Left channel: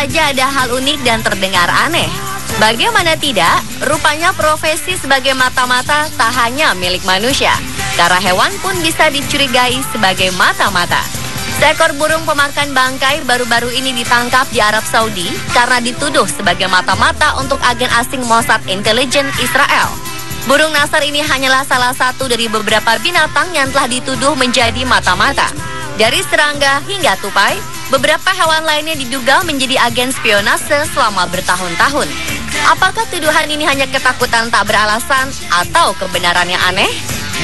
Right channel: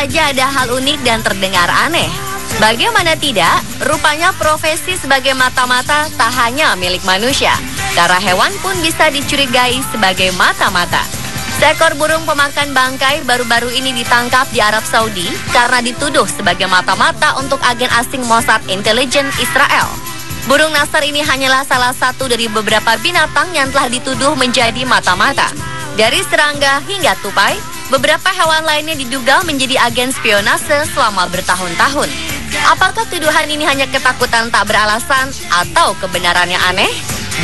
saja ada hal unik dan terdengar aneh. Bagaimana tidak, rupanya profesi sebagai mata-mata tak hanya milik manusia. Karena hewan pun bisa dicurigai sebagai mata-mata. Seekor burung pemakan bangkai baru-baru ini ditangkap di Arab Saudi karena dituduh sebagai mata-mata untuk agen asing Mossad Intelijen Israel. Burung nasar ini hanyalah salah satu dari beberapa binatang yang telah dituduh menjadi mata-mata. Dari serangga hingga tupai, beberapa hewan lainnya diduga menjadi agen spionase selama bertahun-tahun. Apakah tuduhan ini hanya ketakutan tak beralasan atau kebenarannya aneh?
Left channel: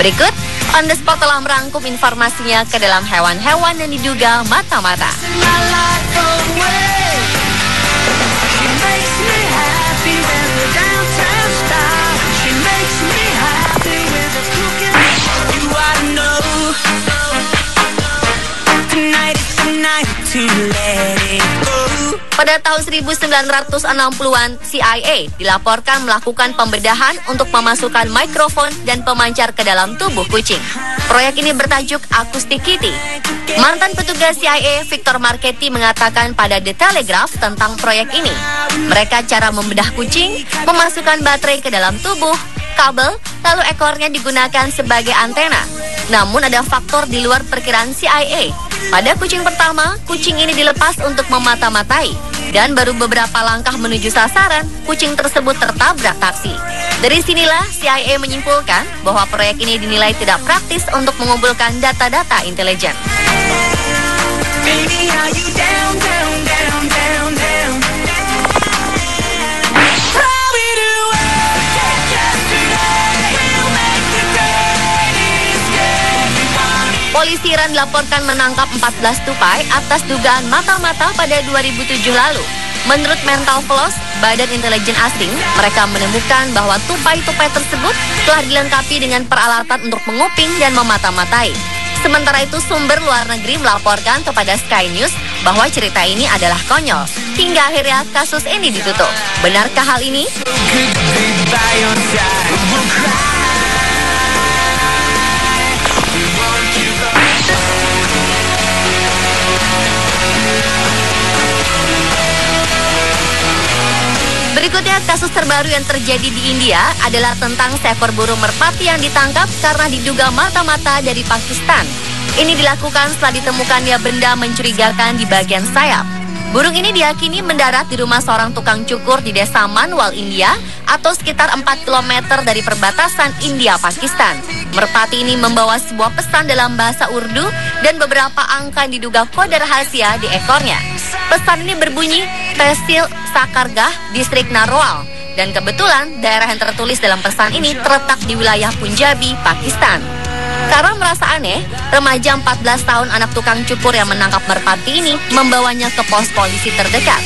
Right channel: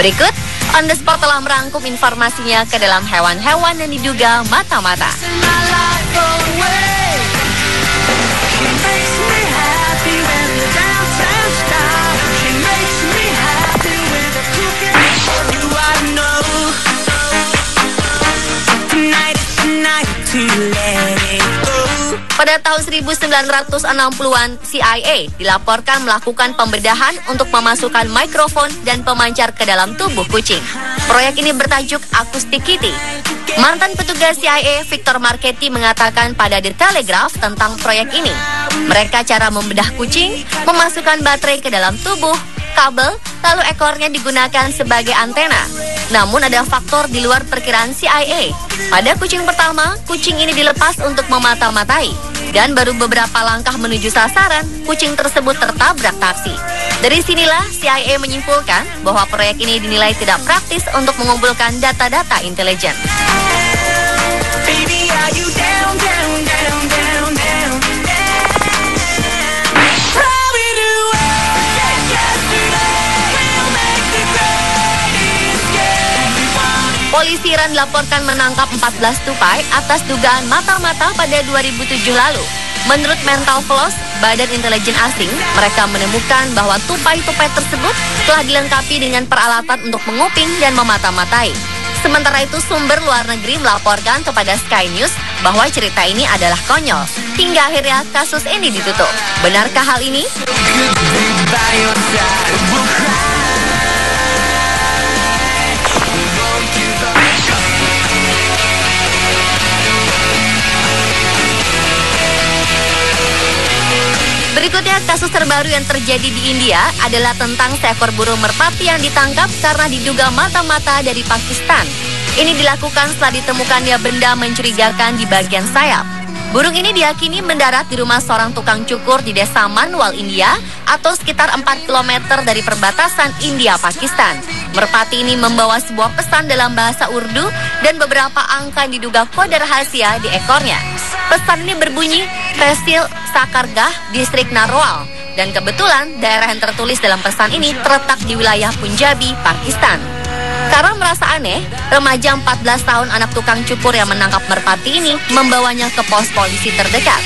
Berikut, On The Spot telah merangkum informasinya ke dalam hewan-hewan yang diduga mata-mata. Pada tahun 1960-an, CIA dilaporkan melakukan pembedahan untuk memasukkan mikrofon dan pemancar ke dalam tubuh kucing. Proyek ini bertajuk Acoustic Kitty. Mantan petugas CIA Victor Marchetti mengatakan pada The Telegraph tentang proyek ini. Mereka cara membedah kucing, memasukkan baterai ke dalam tubuh, kabel, lalu ekornya digunakan sebagai antena. Namun ada faktor di luar perkiraan CIA. Pada kucing pertama, kucing ini dilepas untuk memata-matai. Dan baru beberapa langkah menuju sasaran, kucing tersebut tertabrak taksi. Dari sinilah CIA menyimpulkan bahwa proyek ini dinilai tidak praktis untuk mengumpulkan data-data intelijen. Polisi Iran dilaporkan menangkap 14 tupai atas dugaan mata-mata pada 2007 lalu. Menurut Mental Floss, Badan Intelijen Asing, mereka menemukan bahwa tupai-tupai tersebut telah dilengkapi dengan peralatan untuk menguping dan memata-matai. Sementara itu, sumber luar negeri melaporkan kepada Sky News bahwa cerita ini adalah konyol. Hingga akhirnya kasus ini ditutup. Benarkah hal ini? Berikutnya, kasus terbaru yang terjadi di India adalah tentang seekor burung merpati yang ditangkap karena diduga mata-mata dari Pakistan. Ini dilakukan setelah ditemukannya benda mencurigakan di bagian sayap. Burung ini diyakini mendarat di rumah seorang tukang cukur di desa Manwal, India, atau sekitar 4 km dari perbatasan India-Pakistan. Merpati ini membawa sebuah pesan dalam bahasa Urdu dan beberapa angka yang diduga kode rahasia di ekornya. Pesan ini berbunyi, Tehsil Sakargah, distrik Narwal. Dan kebetulan daerah yang tertulis dalam pesan ini terletak di wilayah Punjabi, Pakistan. Karena merasa aneh, remaja 14 tahun anak tukang cukur yang menangkap merpati ini membawanya ke pos polisi terdekat.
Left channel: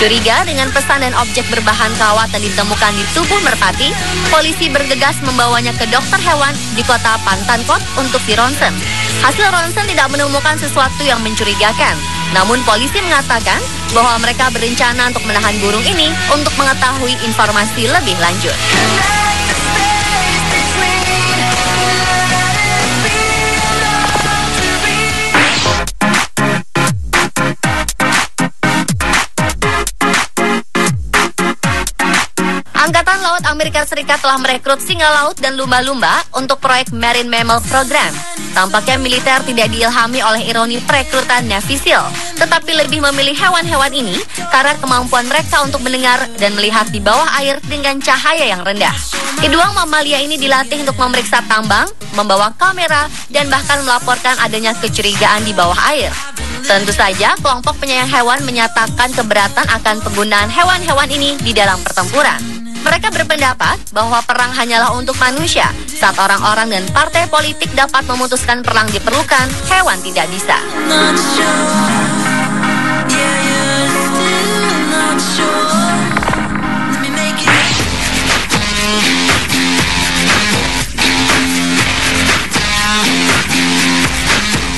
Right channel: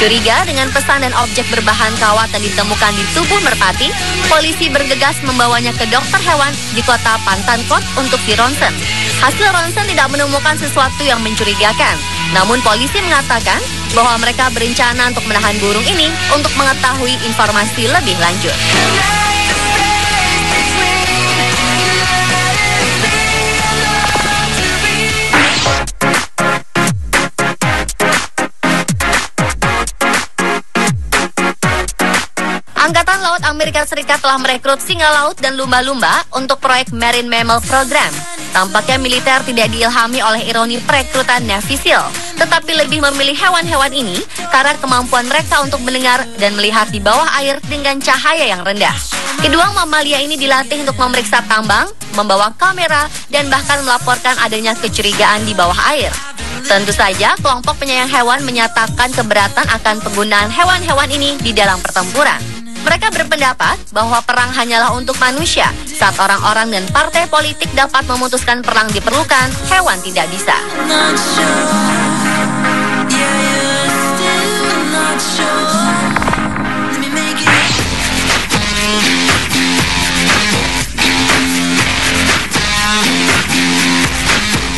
Curiga dengan pesan dan objek berbahan kawat yang ditemukan di tubuh merpati, polisi bergegas membawanya ke dokter hewan di kota Pantankot untuk dironsen. Hasil ronsen tidak menemukan sesuatu yang mencurigakan. Namun polisi mengatakan bahwa mereka berencana untuk menahan burung ini untuk mengetahui informasi lebih lanjut. Angkatan Laut Amerika Serikat telah merekrut singa laut dan lumba-lumba untuk proyek Marine Mammal Program. Tampaknya militer tidak diilhami oleh ironi perekrutan Navy SEAL, tetapi lebih memilih hewan-hewan ini karena kemampuan mereka untuk mendengar dan melihat di bawah air dengan cahaya yang rendah. Kedua mamalia ini dilatih untuk memeriksa tambang, membawa kamera, dan bahkan melaporkan adanya kecurigaan di bawah air. Tentu saja, kelompok penyayang hewan menyatakan keberatan akan penggunaan hewan-hewan ini di dalam pertempuran. Mereka berpendapat bahwa perang hanyalah untuk manusia. Saat orang-orang dan partai politik dapat memutuskan perang diperlukan, hewan tidak bisa.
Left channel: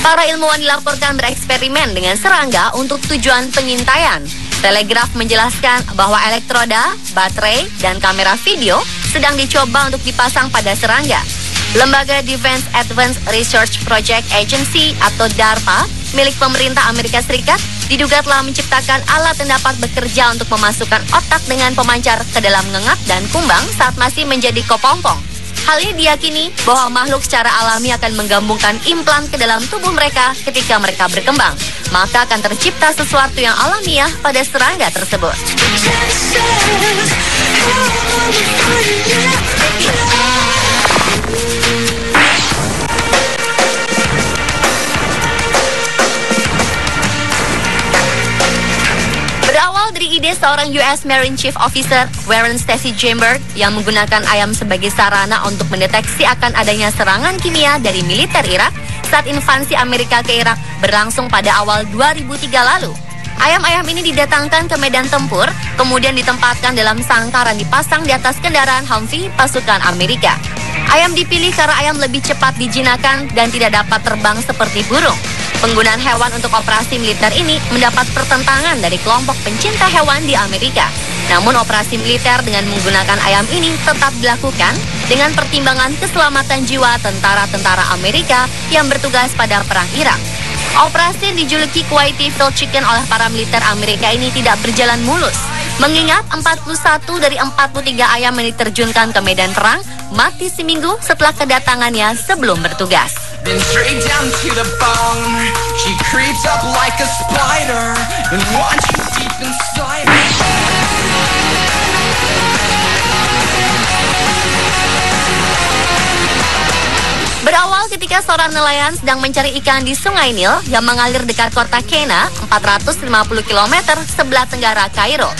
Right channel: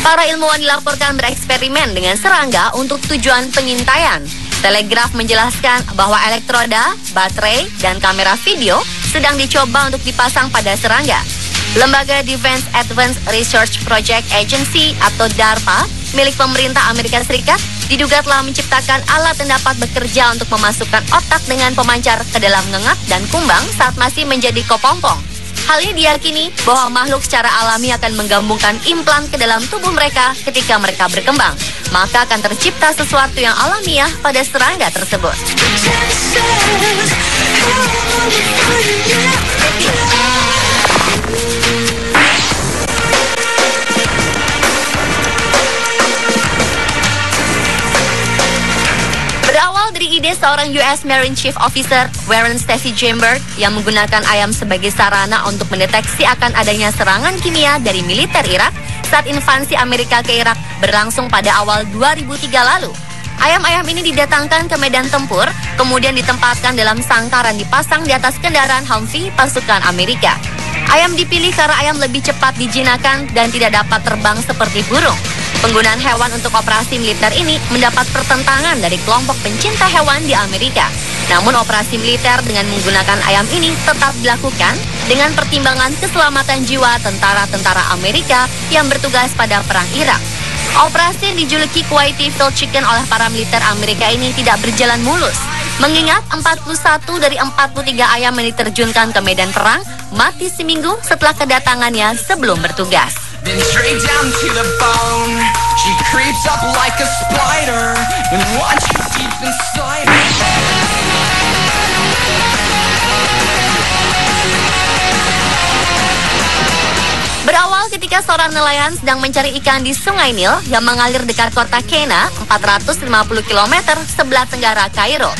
Para ilmuwan dilaporkan bereksperimen dengan serangga untuk tujuan pengintaian. Telegraph menjelaskan bahwa elektroda, baterai, dan kamera video sedang dicoba untuk dipasang pada serangga. Lembaga Defense Advanced Research Project Agency atau DARPA milik pemerintah Amerika Serikat diduga telah menciptakan alat yang dapat bekerja untuk memasukkan otak dengan pemancar ke dalam ngengak dan kumbang saat masih menjadi kepompong. Hal ini diyakini bahwa makhluk secara alami akan menggabungkan implan ke dalam tubuh mereka ketika mereka berkembang. Maka akan tercipta sesuatu yang alamiah pada serangga tersebut. Berawal dari ide seorang US Marine Chief Officer Warren Stacey Chambers yang menggunakan ayam sebagai sarana untuk mendeteksi akan adanya serangan kimia dari militer Irak saat invasi Amerika ke Irak berlangsung pada awal 2003 lalu. Ayam-ayam ini didatangkan ke medan tempur, kemudian ditempatkan dalam sangkar yang dipasang di atas kendaraan Humvee pasukan Amerika. Ayam dipilih karena ayam lebih cepat dijinakkan dan tidak dapat terbang seperti burung. Penggunaan hewan untuk operasi militer ini mendapat pertentangan dari kelompok pencinta hewan di Amerika. Namun operasi militer dengan menggunakan ayam ini tetap dilakukan dengan pertimbangan keselamatan jiwa tentara-tentara Amerika yang bertugas pada perang Irak. Operasi yang dijuluki Kuwaiti Fried Chicken oleh para militer Amerika ini tidak berjalan mulus, mengingat 41 dari 43 ayam yang diterjunkan ke medan perang mati seminggu setelah kedatangannya sebelum bertugas. Then straight down to the bone, she creeps up like a spider and watches deep inside her. Berawal ketika seorang nelayan sedang mencari ikan di Sungai Nil yang mengalir dekat kota Qena, 450 km sebelah tenggara Kairo.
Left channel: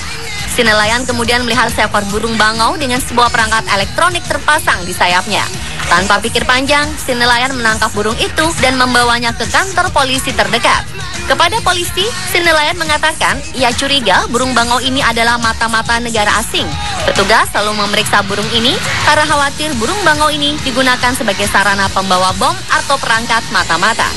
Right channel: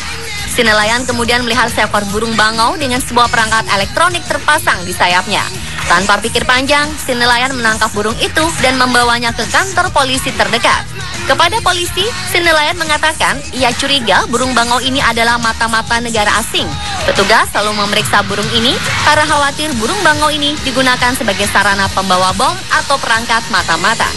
Si nelayan kemudian melihat seekor burung bangau dengan sebuah perangkat elektronik terpasang di sayapnya. Tanpa pikir panjang, si nelayan menangkap burung itu dan membawanya ke kantor polisi terdekat. Kepada polisi, si nelayan mengatakan ia curiga burung bangau ini adalah mata-mata negara asing. Petugas selalu memeriksa burung ini karena khawatir burung bangau ini digunakan sebagai sarana pembawa bom atau perangkat mata-mata.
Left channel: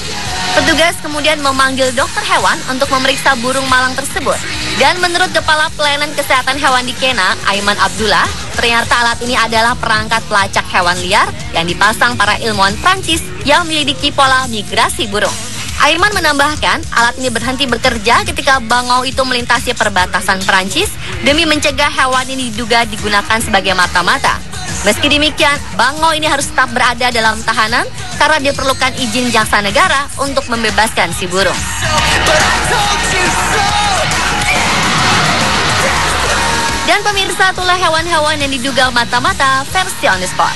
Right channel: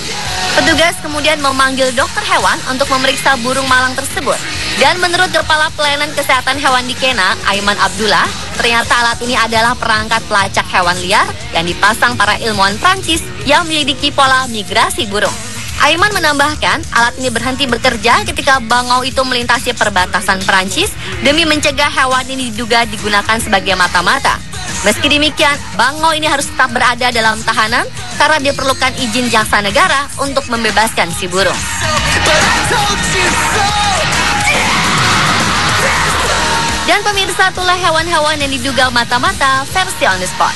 Petugas kemudian memanggil dokter hewan untuk memeriksa burung malang tersebut. Dan menurut Kepala Pelayanan Kesehatan Hewan di Qena, Aiman Abdullah, ternyata alat ini adalah perangkat pelacak hewan liar yang dipasang para ilmuwan Prancis yang menyelidiki pola migrasi burung. Aiman menambahkan, alat ini berhenti bekerja ketika bangau itu melintasi perbatasan Prancis demi mencegah hewan ini diduga digunakan sebagai mata-mata. Meski demikian, bangau ini harus tetap berada dalam tahanan karena diperlukan izin jaksa negara untuk membebaskan si burung. Dan pemirsa, itulah hewan-hewan yang diduga mata-mata versi On The Spot.